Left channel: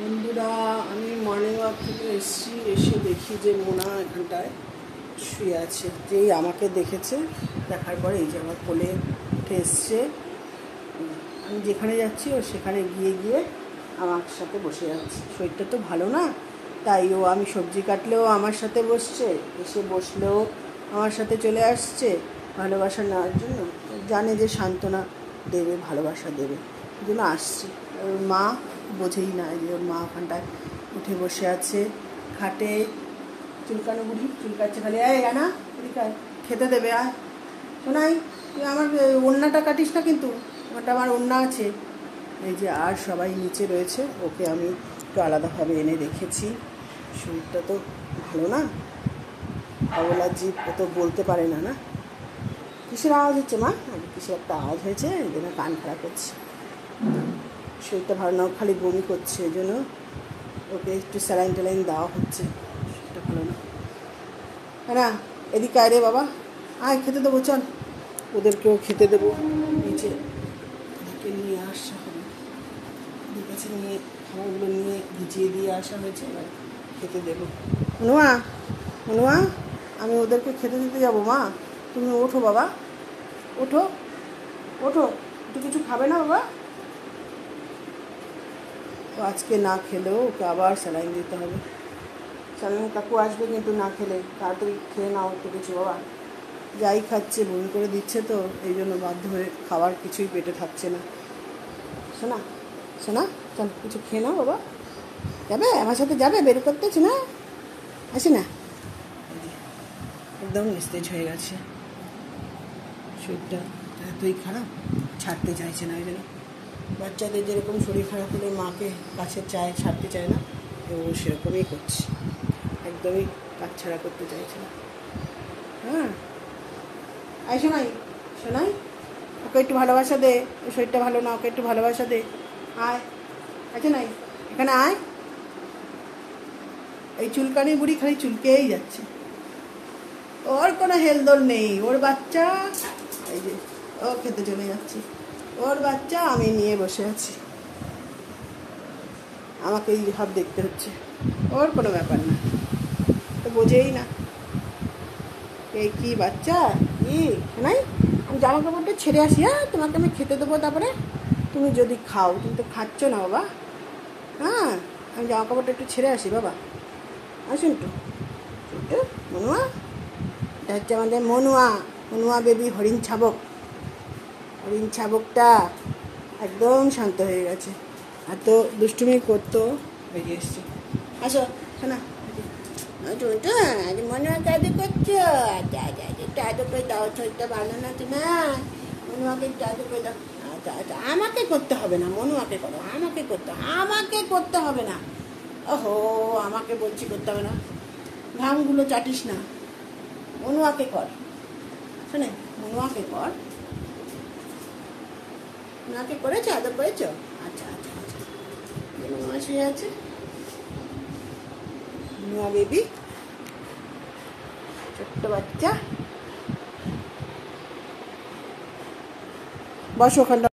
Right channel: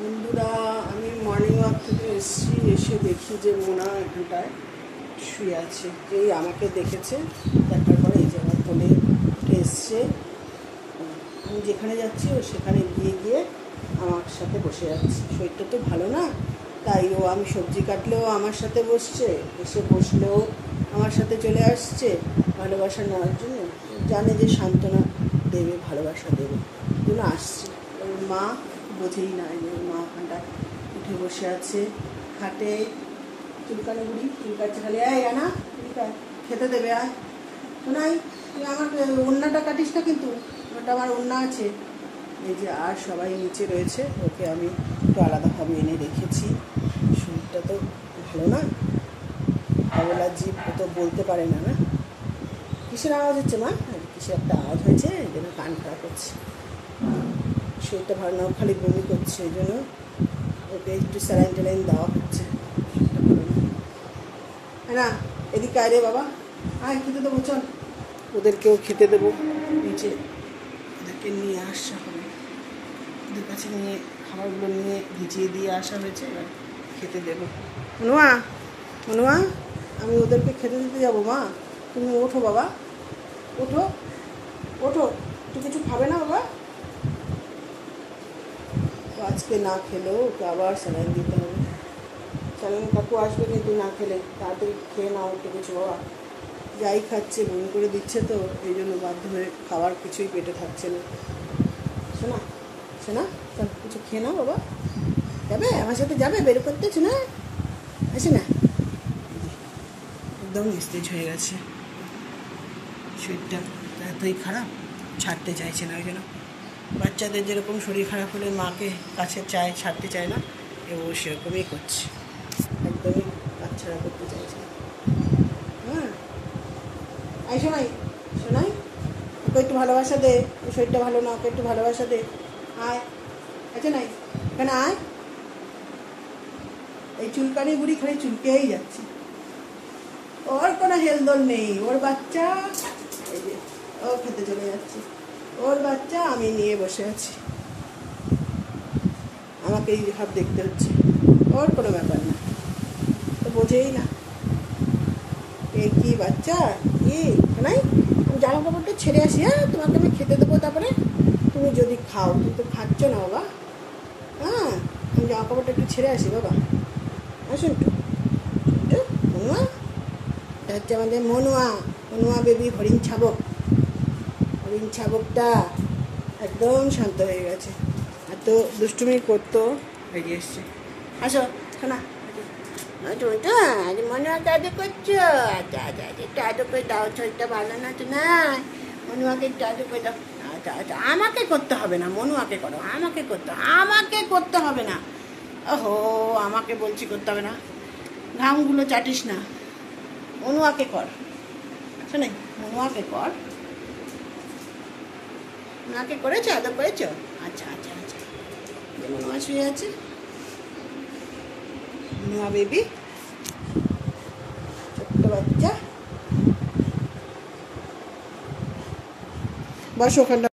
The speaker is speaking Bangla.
বন্ধুরা, আমি মর্নিং ওয়াক থেকে এসে দেখি যে মোনা এখানটায় শুয়ে আছে। যেই আমাকে দেখেছে, দেখার পরে এই যে আমার কোলে এসছে। আমি যেখানে যাচ্ছি ও সেখানে গিয়ে আমার সাথে বসে যাচ্ছে। শরীরটা তো ভালো না, তাই ও আমি সবজি কাটলেও আমার সাথে বসছে, এসে বসলেও আমার সাথে চলে আসছে ভালোবাসা নেওয়ার জন্য। জানে যে সান্ত্বনা দেবে, ভালোবাসা দেবে, এই জন্য আসছে। ওর মা বোঝেই না যে ওর মা ওখানটায় উঠে বসে আছে খাটে, চুলকানো বুড়ি চুলকাচ্ছে খালি। না খেতে দেবে আর নাই, আমার ওড়নাটা কাটিস না কিন্তু, ওটা আমার ওড়না আছে। এই যে আর সবাই নিচে রয়েছে, ওকে আমি একটু আলাদাভাবে এনে রেখেছি। শরীরটা তো ভালো না, অবলা জীব, ও তো বলতে পারে না। না কিসের আওয়াজ হচ্ছে মা? কিসের একটা আওয়াজ হয়েছে, এই জন্য কান খারাপ হচ্ছে। শরীরটা ভালো না, খালি বমি করছে, ওই জন্য ওকে একটু স্যালাইন ট্যালাইন দেওয়া হচ্ছে। হ্যাঁ, এদিকে আয় রে বাবা, আয় খেতে দেবো, চল ওদেরকেও খেতে দেবো। নিচে ওদেরকে নিয়ে আসা হবে, ওদের কাছে নিয়ে খাবারগুলো নিয়ে ভিজিয়ে দিয়ে আসা হয়েছে, এবার খেতে দেবো। মনুয়া, মনুয়া, আমি ওদেরকে খেতে দিতে যাবো। মা তুমি ওঠো বাবা, ওঠো ওঠো, একটু কিছু খাবে না বাবা? ও আজকে না খেলেও ওকে আবার স্যালাইন দিতে হবে। স্যালাইন কাকু আসবে কিন্তু না খেলে, তাড়াতাড়ি খেয়ে নাও একটু কিছু বাবা। যাই খাচ্ছে বমি করে দিচ্ছে, তো এই জন্য বাধ্য হয়ে খাবার কিছুই পেটে থাকছে না। শোনা শোনা, চল কিছু খেয়ে নাও বাবা। যাবে আমার সাথে, যাবে বের করতেছি না, আসি না। একদম নিস্তেজ হয়ে গেছে, শরীরটা এতই খারাপ, ছাড়তে চাইছে না। ওই জন্য বাচ্চাদের যেরকম শরীর খারাপ হলে মাকে কাছে চায়, ছাড়তে চায় না, ও সেরকমই করছে, একদমই কাছছাড়া করতে চাইছে না। হ্যাঁ, আয় শোনাই, শোনাই, ওকে একটু ভালোবাসা দে, ওর শরীরটা ভালো না, ওকে একটু ভালোবাসা দে। আয়, আচ্ছা নাই, এখানে আয়। এই চুলকানি বুড়ি খালি চুলকেই যাচ্ছে, ওর কোনো হেলদোল নেই। ওর বাচ্চা, এই যে ও খেতে চলে যাচ্ছে, ওর বাচ্চা আমি নিয়ে বসে আছি, আমাকে এই ভাব দেখতে হচ্ছে। ওর কোনো ব্যাপার না, তো বোঝেই না এই কি বাচ্চা কি নাই। আমি জামা কাপড়টা ছেড়ে আসি, হ্যাঁ তোমাকে আমি খেতে দেবো, তারপরে তুমি যদি খাও। তুমি তো খাচ্ছ না বাবা। হ্যাঁ, আমি জামা কাপড়টা একটু ছেড়ে আসি বাবা। আসুন একটু একটু। মনুয়া, এটা হচ্ছে আমাদের মনুয়া, মনুয়া বেবি হরিণ ছাবক। হরিণ ছাবকটা একদম শান্ত হয়ে গেছে, এত দুষ্টুমি করতো, হয়ে এসছে। আসো শোনা, মনুয়া কাজে করছো, আচ্ছা আচ্ছা আচ্ছা, একটু আদর করে দাও, শরীরটা ভালো না তো না, মনুয়াকে একটু আদর করে দাও। আচ্ছা আচ্ছা, আমাকে করতে হবে না, মনুয়াকে করো, আমাকে করতে হবে না। ওহো, আমাকে বলছি করতে হবে না, ঘামগুলো চাটিস না, মনুয়াকে কর। শোনে, মনুয়াকে কর। মনুয়াকে করেছো, আদর করেছো? আচ্ছা আচ্ছা আচ্ছা, যে মনুয়া শুয়ে আছে, মনুয়া বেবি, ছোট্ট বাচ্চা। বসো ওখানটা।